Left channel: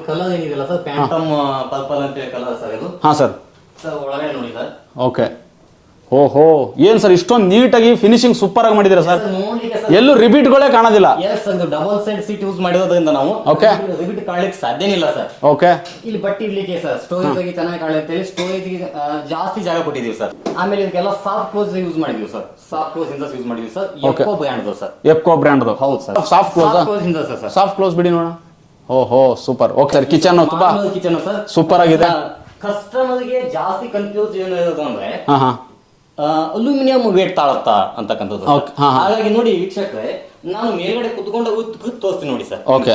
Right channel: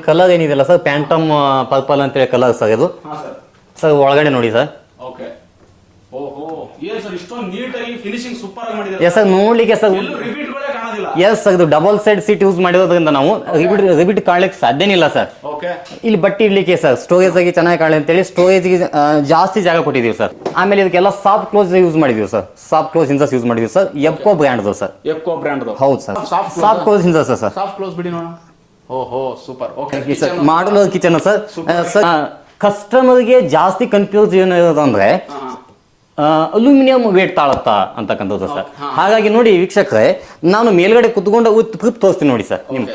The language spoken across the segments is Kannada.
ಕಲರ್ ಏನಿದೆಯಲ್ಲ ಸರ್, ಪ್ಯಾಂಟಮ್ ಪರ್ಪಲ್ ಅಂತೇಳಿ ಕಲರ್ ಸರ್ ಇದು. ಹಾ ಸರ್. ಸರ್ ಒಳಗಡೆ ನೋಡಿ ಸರ್. ಓಕೆ. ಓಹೋ, ಏನ್ ಸರ್ ಇಷ್ಟೊಂದು ನೀಟಾಗಿ ಫಿನಿಶಿಂಗ್ ಸೂಪರ್ ಆಗಿ ಮಾಡಿದಿರ ಸರ್. ನೋಡ್ಲಿಕ್ಕೆ ಸರ್ ಎಲ್ಲೂ ರಿಪೀಟ್ಗಳೇ ಕಾಣೋದಿಲ್ಲ. ಎಸ್ ಸರ್, ಇದು ಡಬಲ್ ಸೈಡ್ ಸೀಟ್ ಯೂಸ್ ಮಾಡಿರೋದ್ರಿಂದ ನಾವು ರಿಪೀಟ್ ಕಾಣ್ಲಿಕ್ಕೆ ಸಾಧ್ಯನೇ ಇಲ್ಲ ಸರ್. ಓಕೆ. ಇಲ್ಲಿ ಬಟ್ಟೆ ಇಡ್ಲಿಕ್ಕೆ ಸರ್ ಸ್ಟೋರೇಜ್ ಆಗಿ ಚೆನ್ನಾಗಿ ಕಾಣಲಿ ಅಂತೇಳಿ ಸ್ಟೋರೇಜ್ ಜಾಸ್ತಿ ಜಾಗ ಕೊಟ್ಟಿದೀವಿ ಸರ್. ಆಮೇಲೆ ಇದಕ್ಕೆಲ್ಲ ಸಾಫ್ಟ್ ಕ್ಲೋಸ್ ಯೂಸ್ ಮಾಡಿದೀವಿ ಸರ್. ಸಾಫ್ಟ್ ಕ್ಲೋಸ್ ಇಂದ ಯೂಸ್ ಮಾಡಿದೀವಿ sir. Ebco brand sir. Ebco brand. ಹೌದು ಸರ್. ಸಾಫ್ಟ್ ಕ್ಲೋಸ್ ಇಂದ ಸರ್. ಸಾಫ್ಟ್ ಕ್ಲೋಸ್ ಬಿಡಿ ನೋಡೋಣ. ಓಹೋ ಸೂಪರ್. ಓಕೆ. ಕಿಚನ್ ಮಾಡಲ್ ಕಿಚನ್ ಸರ್ ಸೂಪರ್ ಆಗಿದೆ. ಕಸ್ಟಮರ್ಗೆ ಜಾಸ್ತಿ ಕನ್ಫ್ಯೂಸ್ ಏನಂದ್ರೆ ಅಲ್ಯೂಮಿನಿಯಂ ವೇಟ್ ತಾಳತ್ತಾ ಅಂತಕ್ಕಂಥದ್ದು ಸರ್. ಹಾಗಾಗಿ ನೋಡಿ ವೀಕ್ಷಕರೇ, ನಾನು ಮೇಲ್ಗಡೆ ಕುತ್ಕೊಂಡು ತೋರಿಸ್ತೀನಿ ನೋಡಿ ಸರ್. ಓಕೆ.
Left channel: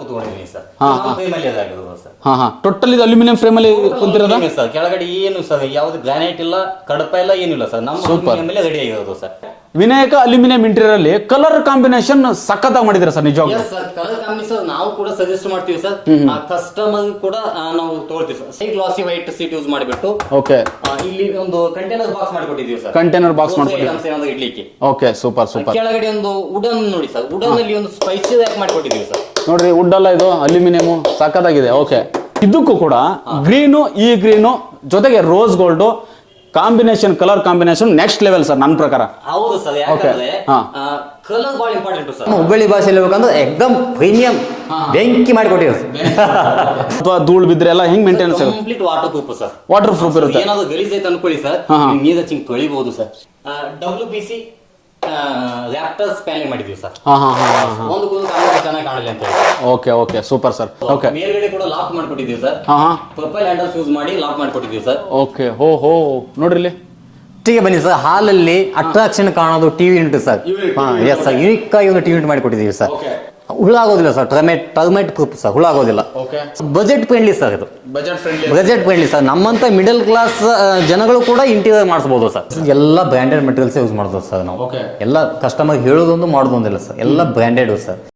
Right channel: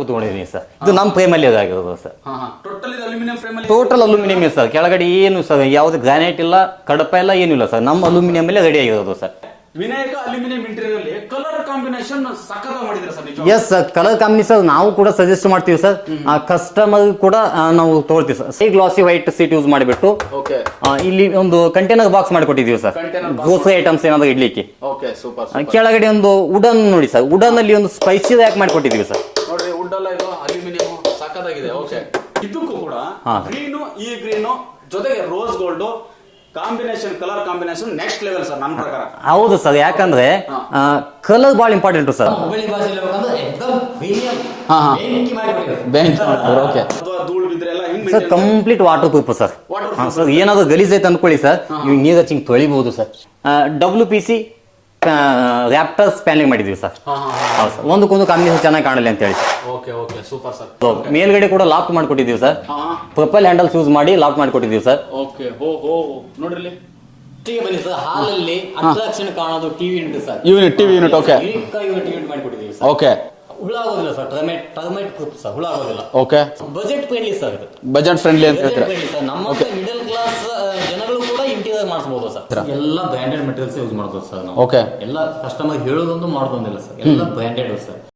ಕುತ್ಕೊಂಡಿದ್ದೀನಿ ಸರ್. ಇದು ನಮ್ಮ ಫ್ರೇಮ್ ಅಲ್ಲಿ ಅದಾಗಿರೋದು ಸರ್. ಟೋಟಲ್ ಇದು ಅಲ್ಯೂಮಿನಿಯಂ ಫ್ರೇಮ್ ಅಲ್ಲಿ. Total aluminium sir. ಕೆಳಗಡೆ ಏನು ಸರ್ ಯಾವ್ದು ಗ್ರಾನೈಟ್ ಇಲ್ಲ, ಕಡಪ ಇಲ್ಲ, ಏನಿಲ್ಲ ಸರ್. ನಮ್ಮ ಅಲ್ಯೂಮಿನಿಯಂ ಮೇಲೆ ರೆಡಿ ಆಗಿರೋದು ಸರ್. ವಿನಾಯಕ ಅಲ್ಯೂಮಿನಿಯಂ ಇಂಟೀರಿಯರ್ ಅಲ್ಲಿ ಕಲರ್ ಕಾಂಬಿನೇಷನ್ ಸಖತ್ತಾಗಿ ಮಾಡಿದಿರ ಸರ್. ನಿಜ. ಎಸ್ ಸರ್, ಕಲರ್ ಕಾಂಬಿನೇಷನ್ ನಾವು ಕೂಡ ಸಜೆಸ್ಟ್ ಮಾಡ್ತೀವಿ ಸರ್. ಆ ಕಸ್ಟಮರ್ ಕೂಡ ನಾವು ತಗೊಳ್ತೀವಿ ಸರ್. ಸೈ ಗ್ಲಾಸಿ ವೈಟ್ ಸೀಟ್ ಯೂಸ್ ಮಾಡಿಬಿಟ್ಟು ಓಕೆ ಇಲ್ಲಿ ಒಂದು ಕಂಟೈನರ್ ಬಾಕ್ಸ್ ಮಾಡಿಕೊಟ್ಟಿದ್ದೀವಿ ಸರ್. ಕಂಟೈನರ್ ಬಾಕ್ಸ್ ಐಟಮ್ಸ್ ಏನಾದ್ರು ಇಡ್ಲಿಕ್ಕೆ. Okay super super. ಕೆಳಗಡೆ ಒಂದು ವುಡನ್ ನೋಡಿ ಸರ್. ವುಡನ್ ಅಲ್ಲಿ ಒಂದು ಸ್ಪೈಸಿ ಯಾಕೆ ಮಾಡಿಕೊಟ್ಟಿದ್ದೀವಿ ಸರ್. ನೋಡ್ರಿ, ವುಡ್ ಅಲ್ಲ ಇದು, ಅಲ್ಯೂಮಿನಿಯಂ ಸಖತ್ತಾಗಿದೆ. ಓಕೆ. ಇದಕ್ಕೂ ಕೂಡ ಗ್ರೀನು, ಈ ಗ್ರೀನು ಜೊತೆಗೆ rose gold combination, colour combination next level sir ನನ್ನ ಪ್ರಕಾರ. ಹೌದು ಸರ್, ಯಾಕಂದ್ರೆ ಕಲರ್ ಬಹಳ ಇಂಪಾರ್ಟೆಂಟ್ ಸರ್. ಹುಬ್ಬಳ್ಳಿ ಭಾಷೆಯಲ್ಲಿ ಹೇಳ್ಬೇಕಂದ್ರೆ ಎಕ್ದಮ್ ಪ್ರೀಮಿಯಂ ಬೆಂಕಿ ಮಾಡಿಕೊಟ್ಟಿವಿ. ಅಥವಾ ಧೂಳು ಬಿದ್ರೆ ಎಲ್ಲ ಹಿಂಗ್ maintain. Complete waterproof sir. Waterproof. ಏನಾದ್ರು ಗಲೀಜ್ ಐತೆ ಅನ್ಕೊಳ್ಳಿ ಸರ್, ನೀರು ಹಚ್ಚಿ ತೊಳಿಬಹುದು ಸರ್. WPC ರ್ಯಾಪ್ಟರ್ಸ್ ಪ್ಯಾನಿಂಗ್ ಮಾಡಿದ್ವಿ ಸರ್. ಒಂದಕ್ಕೊಂದು ಕಾಂಬಿನೇಷನ್ ಚೆನ್ನಾಗಿ ಕಾಣಲಿ ಅಂತ ಹೇಳಿ. Okay okay super sir. ಮೇಲ್ಗಡೆ ಕೂಡ ಲಾಕ್ ಮಾಡ್ಕೊಟ್ಟಿದ್ದೀವಿ ಸರ್. ಪ್ರೊಪೈಲ್ ಹ್ಯಾಂಡಲ್ ಯೂಸ್ ಮಾಡಿ ಲಾಕ್ ಮಾಡ್ಕೊಟ್ಟಿದ್ದೀವಿ ಸರ್. ಓಕೆ. ಹೋ ನೋಡ್ರಿ ಇಲ್ಲಿ ಬನ್ನಿ ಸರ್. ಹಾಲಲ್ಲಿ ಅಟ್ರಾಕ್ಷನ್ ಕಾಣೋದು TV unit sir. Unique unit unit ಮಾಡಿಕೊಟ್ಟಿದ್ದೀವಿ ಸರ್. ಓಕೆ. ಹುಳ ಆಗೋದಿಲ್ಲ ಸರ್. Termite proof sir. ಹುಳ ಆಗೋದಿಲ್ಲ. ಓಕೆ. Budget friendly sir. ಇದು ಬಜೆಟ್ ಫ್ರೆಂಡ್ಲಿ ಸರ್. ನಮ್ಮಂತ ಮಿಡಲ್ ಕ್ಲಾಸ್ ಜನಗಳು ಕೂಡ ಇಂಟೀರಿಯರ್ ಮಾಡಿಸಬಹುದು ಸರ್. ಎಲ್ಲ ಬ್ರ್ಯಾಂಡೆಡ್ ಮೆಟೀರಿಯಲ್ಸ್ ಯೂಸ್ ಮಾಡ್ಬೋದು ಸರ್ ನಾವು. ಓಕೆ. ಎಲ್ಲ ಕಸ್ಟಮರ್ ಹೇಳೋದೊಂದು ಮಾಡೋದೊಂದಿಲ್ಲ ಸರ್. ಎಲ್ಲ ಬ್ರ್ಯಾಂಡೆಡ್ ಸರ್.